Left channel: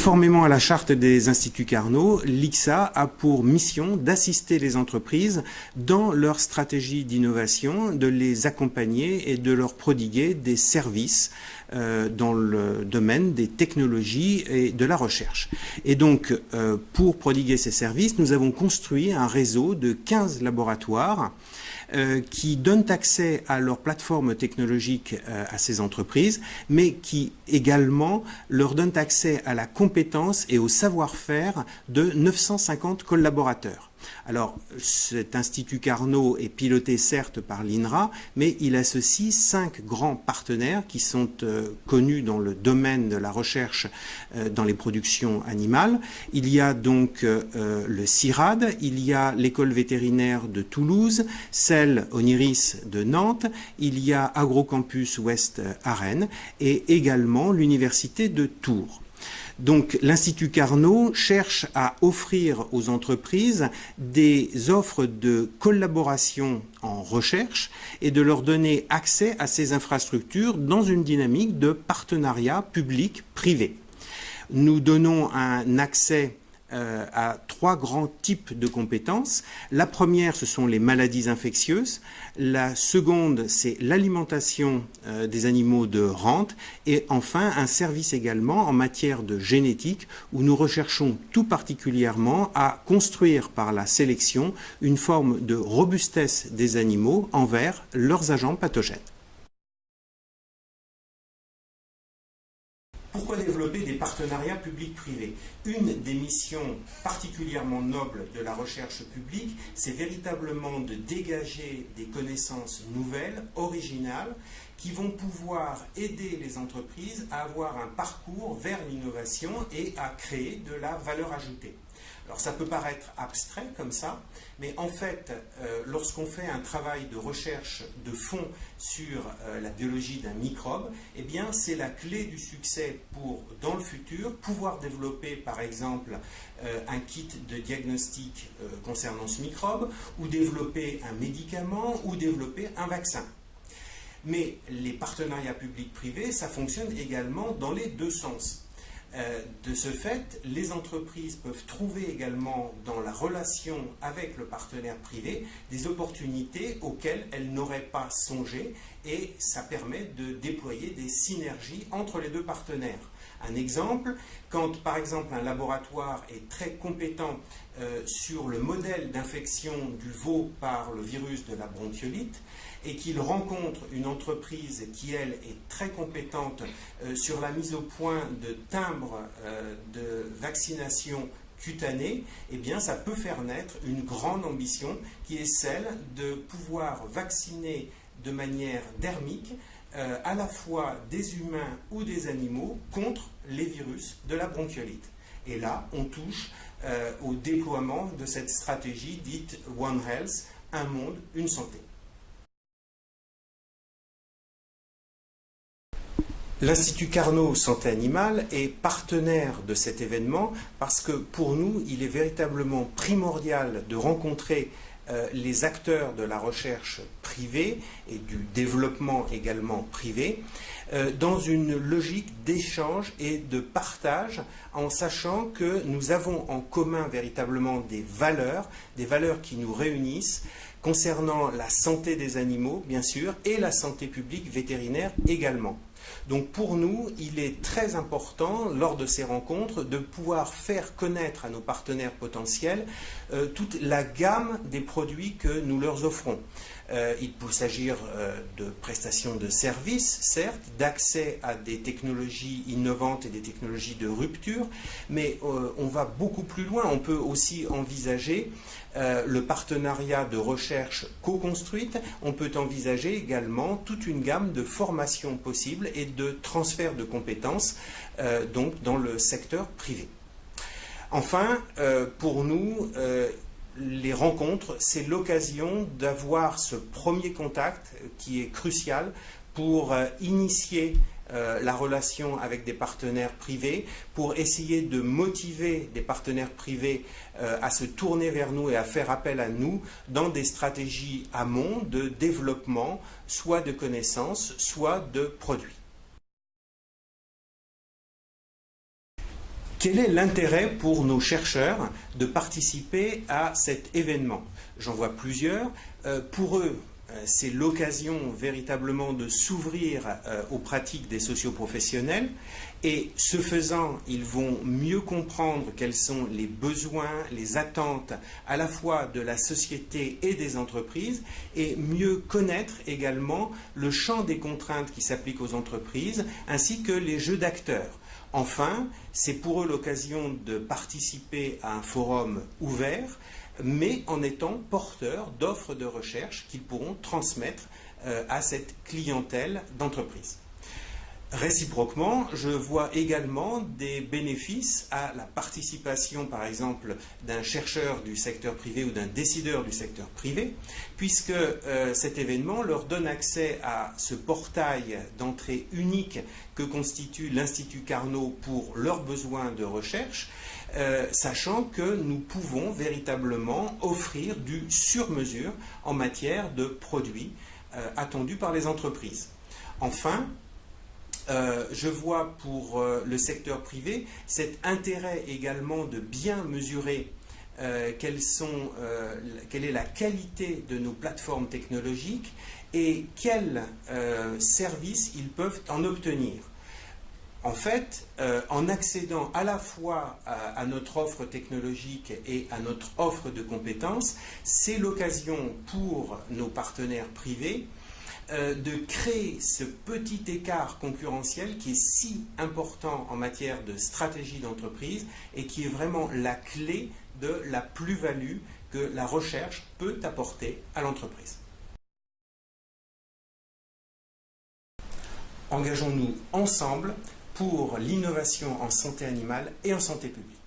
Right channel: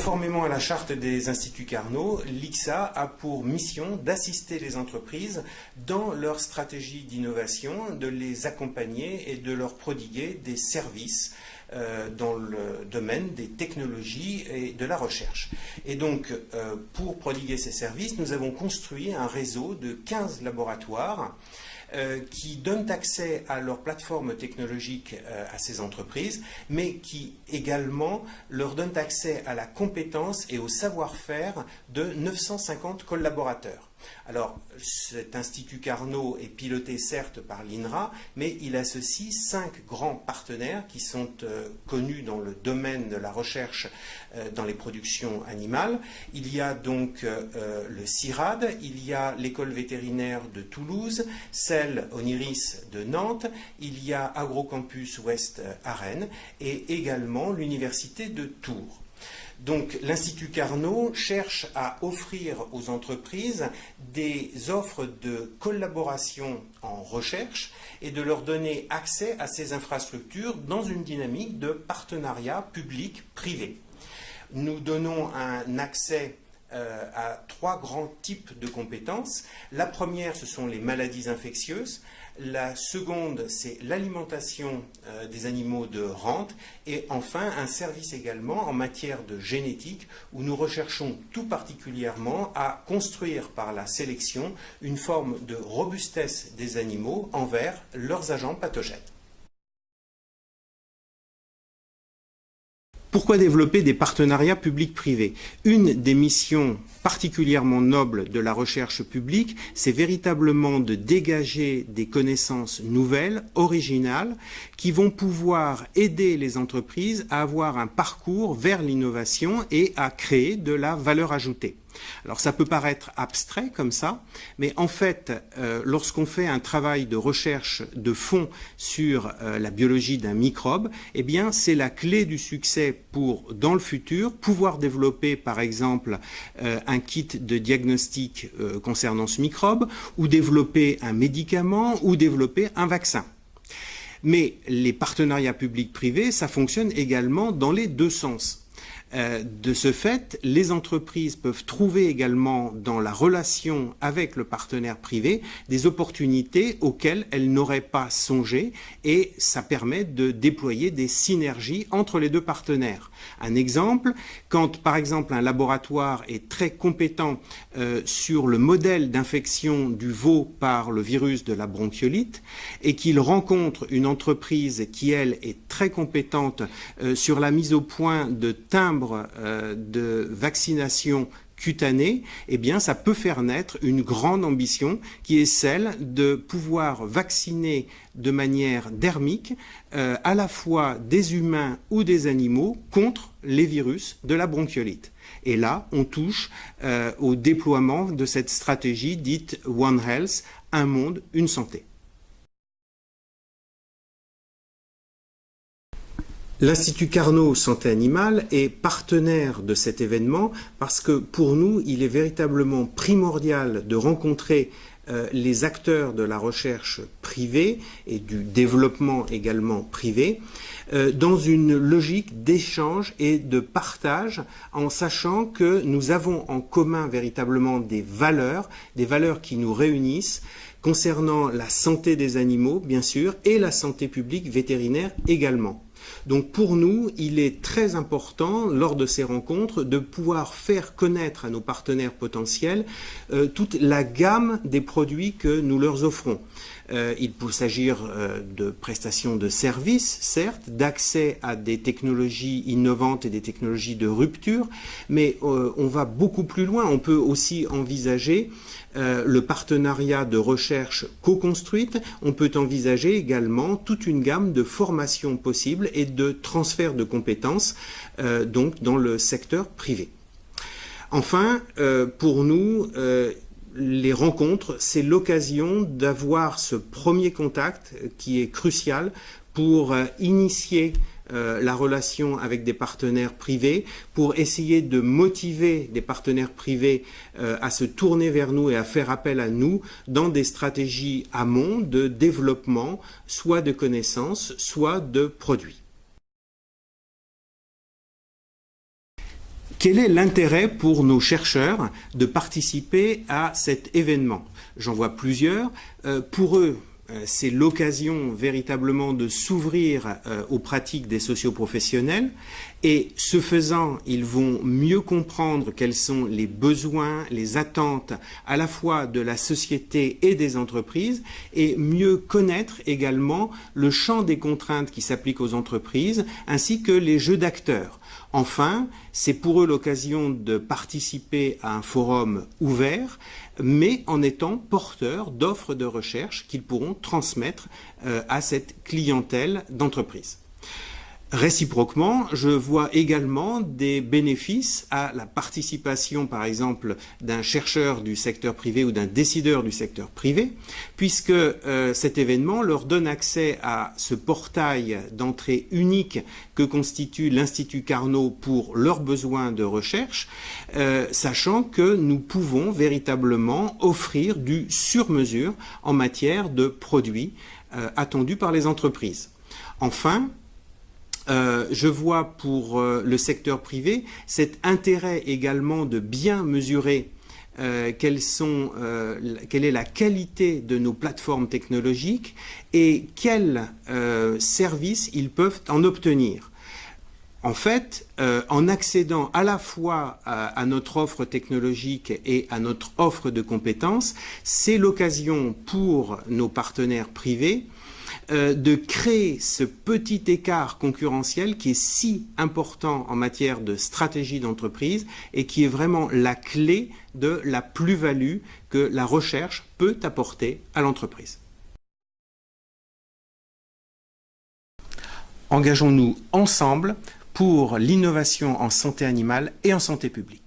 Conformément à la charte des Instituts Carnot, l'ICSA a pour mission d'assister les entreprises dans leur stratégie d'innovation, de les accompagner et de leur prodiguer des services dans le domaine des technologies et de la recherche. Et donc, pour prodiguer ces services, nous avons construit un réseau de 15 laboratoires qui donnent accès à leur plateforme technologique à ces entreprises, mais qui également leur donnent accès à la compétence et au savoir-faire de 950 collaborateurs. Alors, cet Institut Carnot est piloté certes par l'INRA, mais il associe 5 grands partenaires qui sont connus dans le domaine de la recherche dans les productions animales. Il y a donc le CIRAD, il y a l'école vétérinaire de Toulouse, celle Oniris de Nantes, il y a Agrocampus Ouest à Rennes et également l'université de Tours. Donc l'Institut Carnot cherche à offrir aux entreprises des offres de collaboration en recherche et de leur donner accès à ces infrastructures dans une dynamique de partenariat public-privé. Nous donnons un accès à 3 grands types de compétences. La première, ce sont les maladies infectieuses. La seconde, c'est l'alimentation des animaux de rente. Et enfin, un service également en matière de génétique où nous recherchons tout particulièrement à construire par la sélection une forme de robustesse des animaux envers leurs agents pathogènes. Pourquoi développer des partenariats publics-privés? Une des missions particulièrement nobles de la recherche publique, c'est véritablement de dégager des connaissances nouvelles, originales, qui vont pouvoir aider les entreprises à avoir un parcours vers l'innovation et à créer de la valeur ajoutée. Alors ça peut paraître abstrait comme ça, mais en fait, lorsqu'on fait un travail de recherche de fond sur la biologie d'un microbe, eh bien c'est la clé du succès pour, dans le futur, pouvoir développer par exemple un kit de diagnostic concernant ce microbe, ou développer un médicament, ou développer un vaccin. Mais les partenariats publics-privés, ça fonctionne également dans les deux sens. De ce fait, les entreprises peuvent trouver également dans la relation avec le partenaire privé des opportunités auxquelles elles n'auraient pas songé et ça permet de déployer des synergies entre les deux partenaires. Un exemple, quand par exemple un laboratoire est très compétent sur le modèle d'infection du veau par le virus de la bronchiolite et qu'il rencontre une entreprise qui elle est très compétente sur la mise au point de timbres de vaccination cutanée, eh bien ça peut faire naître une grande ambition qui est celle de pouvoir vacciner de manière dermique à la fois des humains ou des animaux contre les virus de la bronchiolite. Et là, on touche au déploiement de cette stratégie dite One Health, un monde, une santé. L'Institut Carnot Santé Animale est partenaire de cet événement parce que pour nous, il est véritablement primordial de rencontrer les acteurs de la recherche privée et du développement également privé dans une logique d'échange et de partage en sachant que nous avons en commun véritablement des valeurs qui nous réunissent concernant la santé des animaux bien sûr et la santé publique vétérinaire également. Donc pour nous, il est très important, lors de ces rencontres, de pouvoir faire connaître à nos partenaires potentiels toute la gamme des produits que nous leur offrons. Il peut s'agir de prestations de services, certes, d'accès à des technologies innovantes et des technologies de rupture, mais on va beaucoup plus loin. On peut aussi envisager le partenariat de recherche co-construite. On peut envisager également toute une gamme de formations possibles et de transfert de compétences donc dans le secteur privé. Enfin, pour nous, les rencontres, c'est l'occasion d'avoir ce premier contact qui est crucial pour initier la relation avec des partenaires privés, pour essayer de motiver des partenaires privés à se tourner vers nous et à faire appel à nous dans des stratégies amont de développement, soit de connaissances, soit de produits. Quel est l'intérêt pour nos chercheurs de participer à cet événement? J'en vois plusieurs. Pour eux, c'est l'occasion véritablement de s'ouvrir aux pratiques des socioprofessionnels et ce faisant, ils vont mieux comprendre quels sont les besoins, les attentes à la fois de la société et des entreprises et mieux connaître également le champ des contraintes qui s'appliquent aux entreprises ainsi que les jeux d'acteurs. Enfin, c'est pour eux l'occasion de participer à un forum ouvert, mais en étant porteurs d'offres de recherche qu'ils pourront transmettre à cette clientèle d'entreprise. Réciproquement, je vois également des bénéfices à la participation, par exemple, d'un chercheur du secteur privé ou d'un décideur du secteur privé, puisque cet événement leur donne accès à ce portail d'entrée unique que constitue l'Institut Carnot pour leurs besoins de recherche, sachant que nous pouvons véritablement offrir du sur-mesure en matière de produits attendus par les entreprises. Enfin, je vois pour le secteur privé cet intérêt également de bien mesurer quelle est la qualité de nos plateformes technologiques et quels services ils peuvent en obtenir. En fait, en accédant à la fois à notre offre technologique et à notre offre de compétences, c'est l'occasion pour nos partenaires privés de créer ce petit écart concurrentiel qui est si important en matière de stratégie d'entreprise et qui est vraiment la clé de la plus-value que la recherche peut apporter à l'entreprise. Engageons-nous ensemble pour l'innovation en santé animale et en santé publique.